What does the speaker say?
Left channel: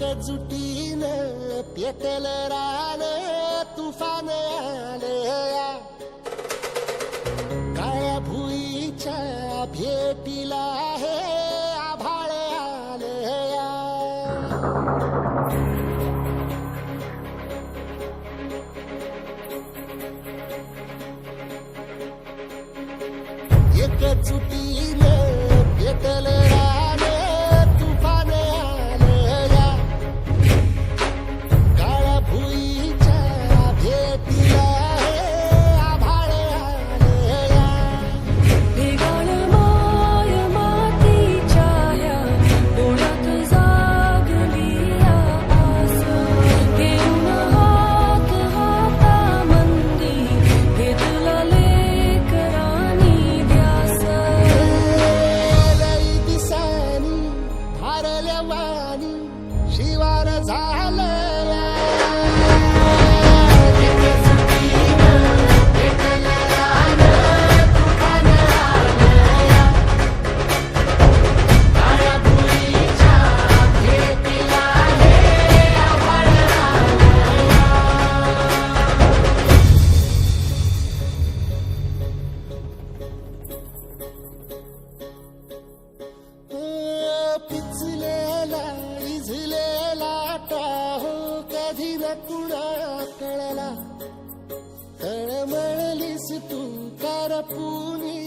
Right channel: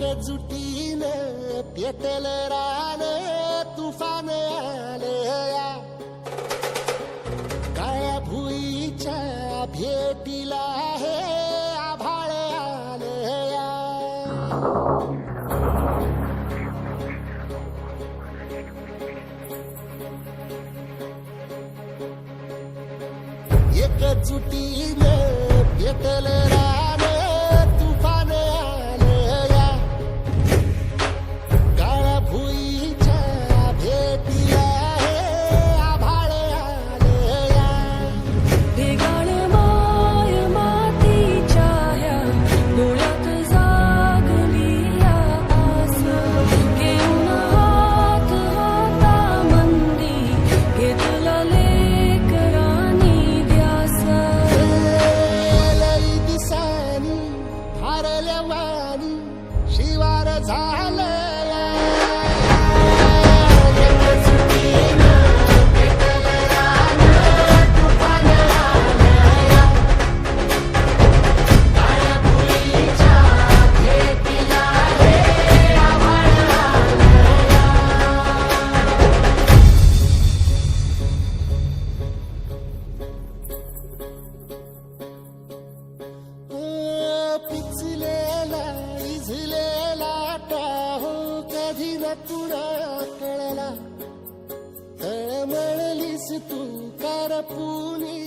एकजुटीनं पेटल रान तुफान आलया काळ्या भुईच्या भेटीला हे आभाळ आलया एकजुटीनं पेटल रान तुफान आलया काळ्या भुईच्या भेटीला हे आभाळ आलया भेगाळ माय मातीच्या ह्या डोळ्यात जागली या आस घेऊन हात हातामंदी घेतला लेकरांनी ध्यास लई दिसानी भारल्या वाणी शिवार झालया एकजुटीनं पेटल रान तुफान आलया काळ्या भुईच्या भेटीला हे आभाळ आलया पिचलेला इझलेला टाहो कधी न कुणा कळला तळमळलीस तू करपुनी